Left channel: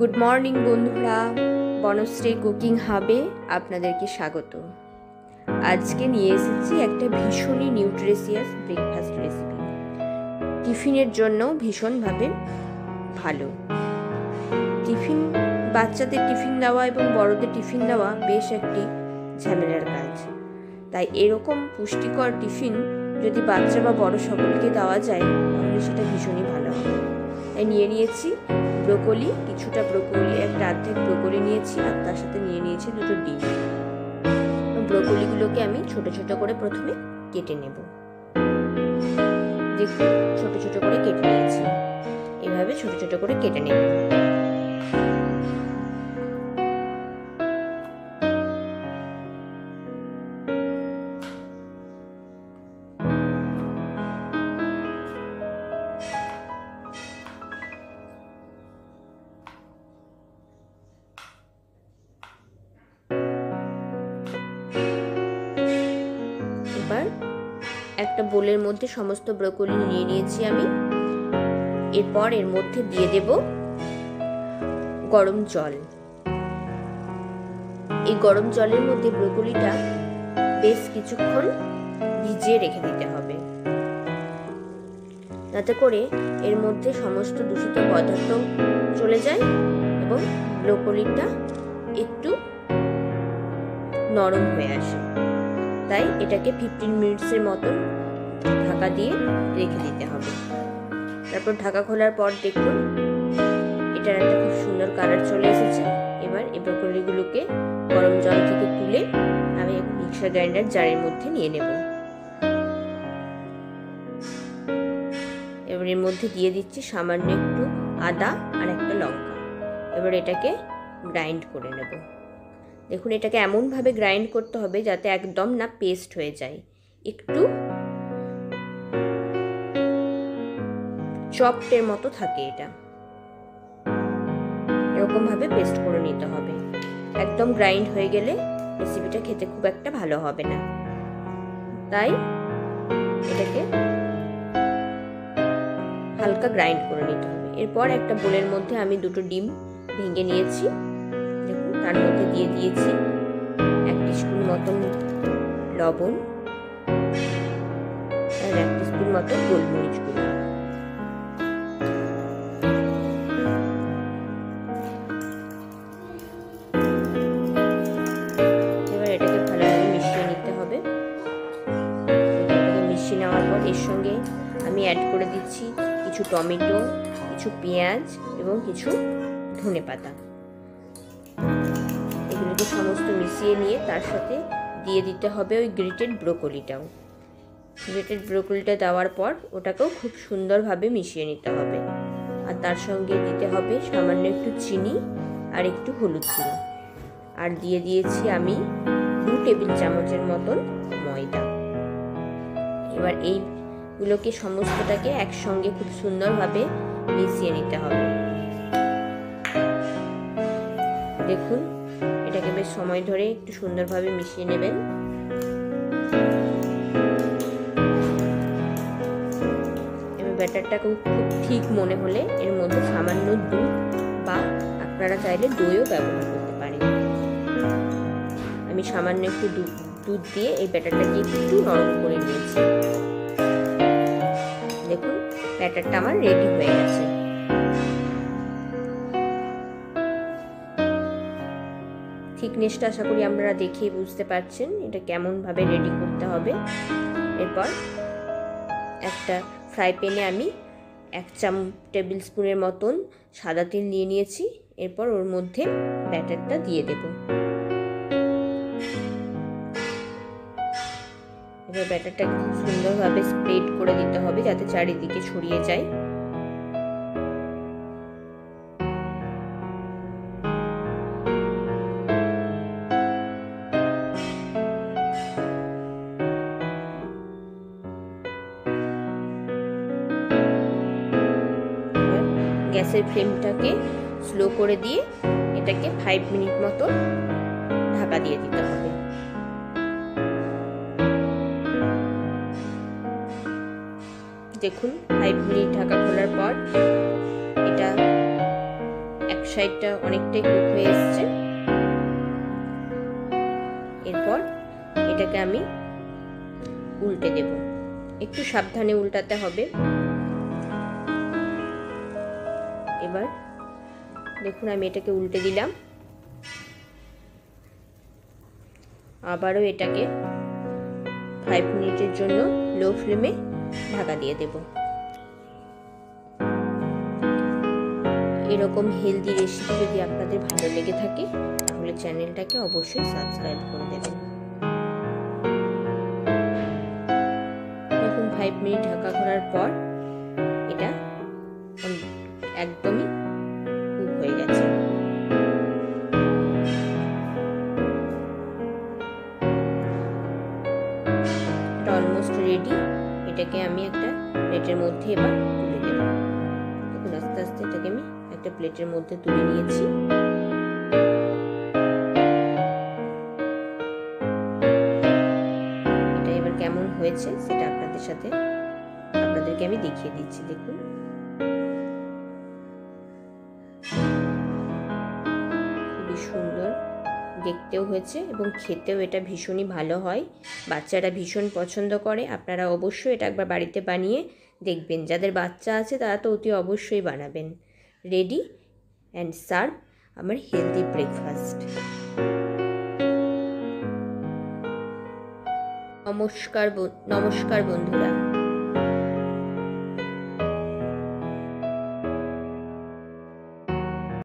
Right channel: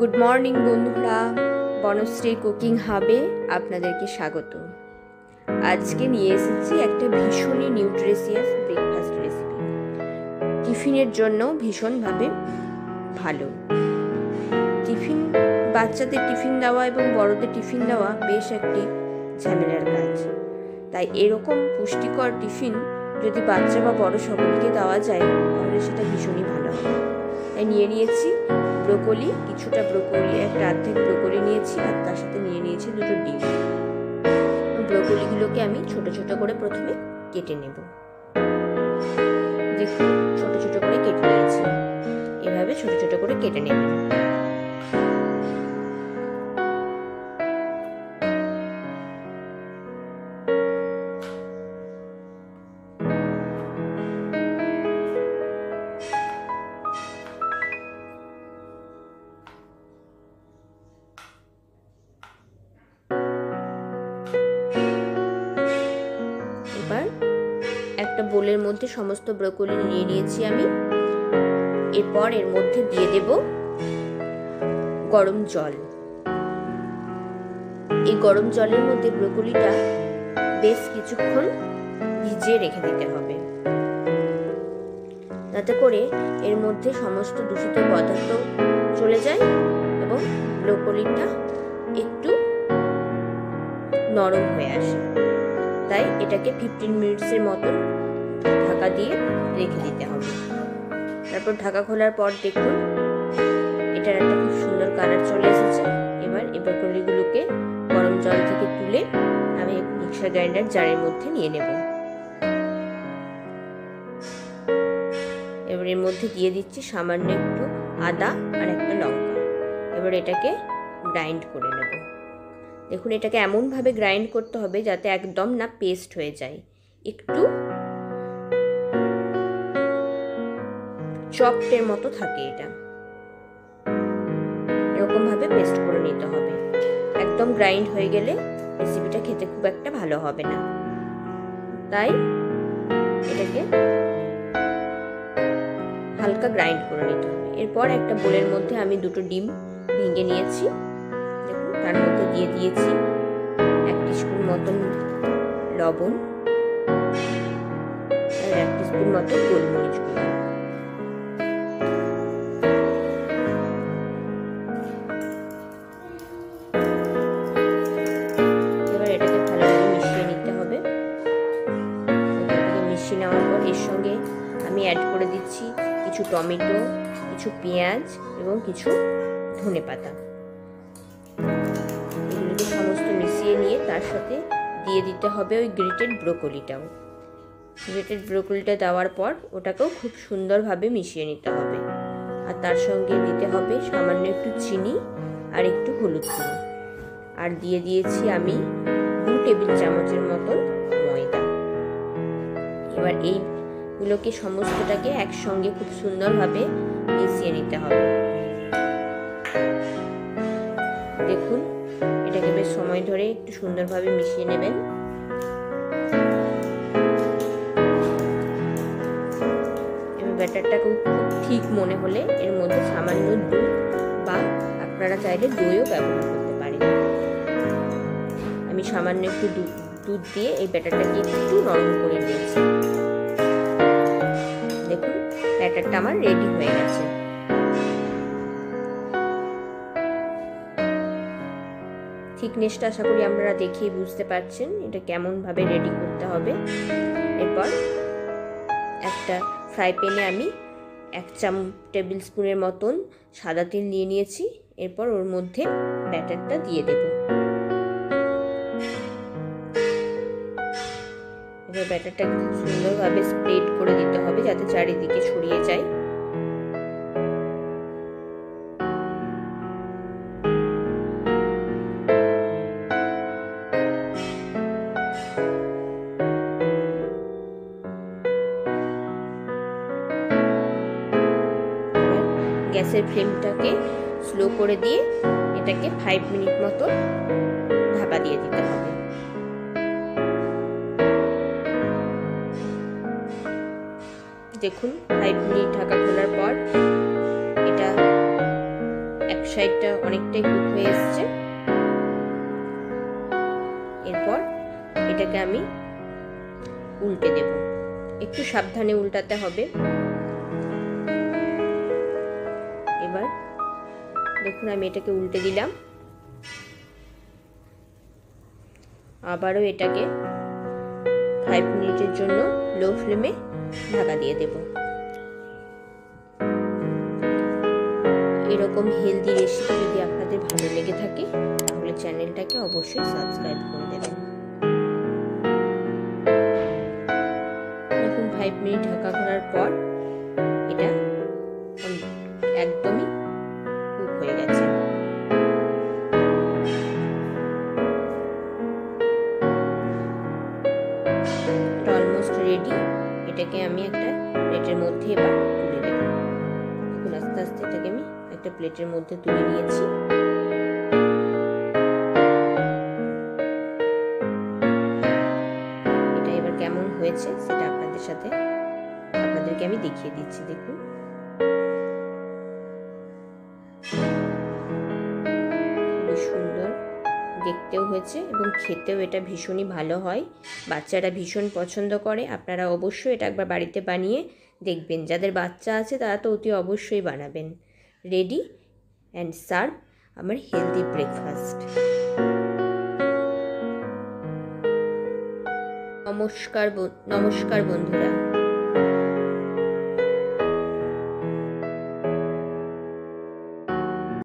Good morning বন্ধুরা, Banasree cooking হাবে আপনাদেরকে স্বাগত। আজকে নিয়ে এসেছি একটা ভীষণই নিউট্রিশিয়াস ব্রেকফাস্ট রেসিপি। টিফিনের জন্য ভীষণভাবে ভালো। বাচ্চাদের টিফিন দেওয়া এবং বড়দের টিফিন দেওয়া বেশ একটি ঝামেলার কাজ। তাই এরকম পুষ্টিকর টিফিন যদি বাচ্চা বা বড় সকলকে দেওয়া যায় তাহলে সেটা ভীষণই ভালো হবে। তাই নিয়ে নিয়েছি ব্রোকলি, কিছুটা ব্রোকলি, একটা অর্ধেক ব্রোকলি নিয়েছি, আর তার সাথে নিয়ে নিয়েছি দুটো ডিম। ব্রোকলিগুলোকে আমি ছোট ছোট করে প্রথমে কেটে নেব। দেখুন, ছোট ছোট করে কেটে নিয়েছি। এভাবে ছোট ছোট করে কেটে নেবেন। এবার একটা বোলের মধ্যে সমস্ত ব্রোকলি নিয়ে নিয়েছি আমি। এরপর এর মধ্যে দিয়ে দেব গরম জল। এই গরম জলের মধ্যে ব্রোকলিটা বেশ কিছুক্ষণ ভিজিয়ে রেখে দিতে হবে, যাতে করে এর মধ্যে সমস্ত দূষিত পদার্থ চলে যায় এবং ব্রোকলিটা একটু নরম হয়ে আসে। তাই এটাকে 15 মিনিটসের মতন ঢাকা দিয়ে রেখে দিতে হবে। তারপর ঢাকা খোলার পর দেখুন এটার একটা খুব সুন্দর কালার চলে এসেছে। এবার এই ব্রোকলিগুলোকে গরম জল থেকে তুলে আমি মিক্সার গ্রাইন্ডার জারের মধ্যে নিয়ে নেব। এবার এর মধ্যে দিয়ে দিচ্ছি সামান্য একটু আদা আর একটা লঙ্কা। এবার এটাকে গ্রাইন্ড করে নেব। দেখুন, এটাকে এমনভাবে গ্রাইন্ড করতে হবে যাতে একদম না পেস্ট হয়ে যায়, একটু চপটের মতো থাকে। এটা এরকম ভাবে পেস্ট করে নিতে হবে। একদম গ্রাইন্ড হয়ে গেলে রেসিপিটা খেতে খুব একটা ভালো হবে না। তাই এটাকে হালকা গ্রাইন্ড করে নিতে হবে। এরপর একটা বোলের মধ্যে আমি দুটো ডিম ভেঙে নিয়েছি। দেখুন, তার মধ্যে দিয়ে দিয়েছি 1 টিস্পুন মতন লবণ আর 1 টিস্পুন মতো গোলমরিচ গুঁড়ো। এবার এটাকে ভালোভাবে মিশিয়ে নিতে হবে। এটাকে মিশিয়ে নেওয়ার পর এর সঙ্গে আমি অ্যাড করে দিচ্ছি কিছু টমেটো, কিছু পেঁয়াজ এবং কিছু ধনেপাতা। এগুলোকে সমস্ত মিশিয়ে নিয়ে তার সাথে দিয়ে দিতে হবে ওই গ্রেটেড ব্রোকলিটাও। গ্রেটেড ব্রোকলিটা দেওয়ার পর ওটাকেও খুব সুন্দরভাবে মিশিয়ে নিতে হবে। আর তার সঙ্গে দিতে হবে সামান্য একটু চিনি আর একটু হলুদ গুঁড়ো। আর দিয়ে দিয়েছি আমি 2 টেবিল চামচের মতন ময়দা। এবার এইগুলোকে সমস্তটাকে একসঙ্গে খুব সুন্দরভাবে মিশিয়ে নিতে হবে। দেখুন, এটাকে বেশ সময় ধরে একটু সুন্দরভাবে মিশিয়ে নেবেন। এবার ব্যাটারটা খুব ঠিক মনে হলে এর মধ্যে সামান্য দুধ বা আপনারা চাইলে দইও ব্যবহার করতে পারেন। আমি সামান্য একটু দুধ দিয়ে এই ব্যাটারটাকে একটু নরম করে নিয়েছি। দেখুন, ব্যাটারটা আমার রেডি হয়ে গেছে। থিকনেসটা আশা করি আপনারা দেখেই বুঝতে পারছেন এটা কেমন ভাবে রেডি করতে হবে। এরপর একটা ফ্রাই প্যানে আমি 1 টেবিল স্পুনের মতন সাদা তেল নিয়ে নিয়েছি। এরপর ওর মধ্যে ব্যাটারটা দিয়ে দেব। এবার ব্যাটারটাকে খুব সুন্দরভাবে স্প্রেড করে দিতে হবে যাতে চারিদিকে ছড়িয়ে যায়। গ্যাসের ফ্লেমটাকে স্লো করে দিয়ে এটাকে 5 মিনিট মতো ঢাকা দিয়ে দিতে হবে। দেখুন, 5 মিনিট ঢাকা খোলার পর এটা এক সাইডটা অনেকটাই কুক হয়ে এসছে। এরপর এটাকে আমি উল্টে দেব, একটু সাবধানে উল্টাতে হবে। এবার দেখুন আমি এটাকে উল্টে দিলাম, আবারও এটাকে 5 মিনিটের জন্য লো ফ্লেমে ঢাকা দিয়ে দেব। এরকম হেলদি রেসিপি যদি আপনাদের ভালো লেগে থাকে তাহলে চ্যানেলটাকে অবশ্যই সাবস্ক্রাইব করে দেবেন। দেখুন 5 মিনিট ঢাকা করার পর এটা একদমই কুক হয়ে গেছে। এটা অলমোস্ট রেডি। এটাকে আমি একটা প্লেটের মধ্যে এবার তুলে নেব। দেখুন আস্তে আস্তে এটাকে আমি একটা প্লেটের মধ্যে তুলে নিয়েছি। এটা এবার কেমন হয়েছে সেটা আপনাদেরকে আমি দেখিয়ে দিচ্ছি। দেখুন খুবই সুন্দর দেখতেও হয়েছে এবং খেতেও এটা ভীষণই ভালো হয়। বাচ্চারা ভীষণ পছন্দ করে। আপনারা অবশ্যই এটা একবার বাড়িতে বানিয়ে দেখবেন। যাদের বাচ্চা আছে তারা তো অতি অবশ্যই বানাবেন। রেডি অ্যান্ড সার্ভ আমার হেলদি ব্রেকফাস্ট। নমস্কার বন্ধুরা।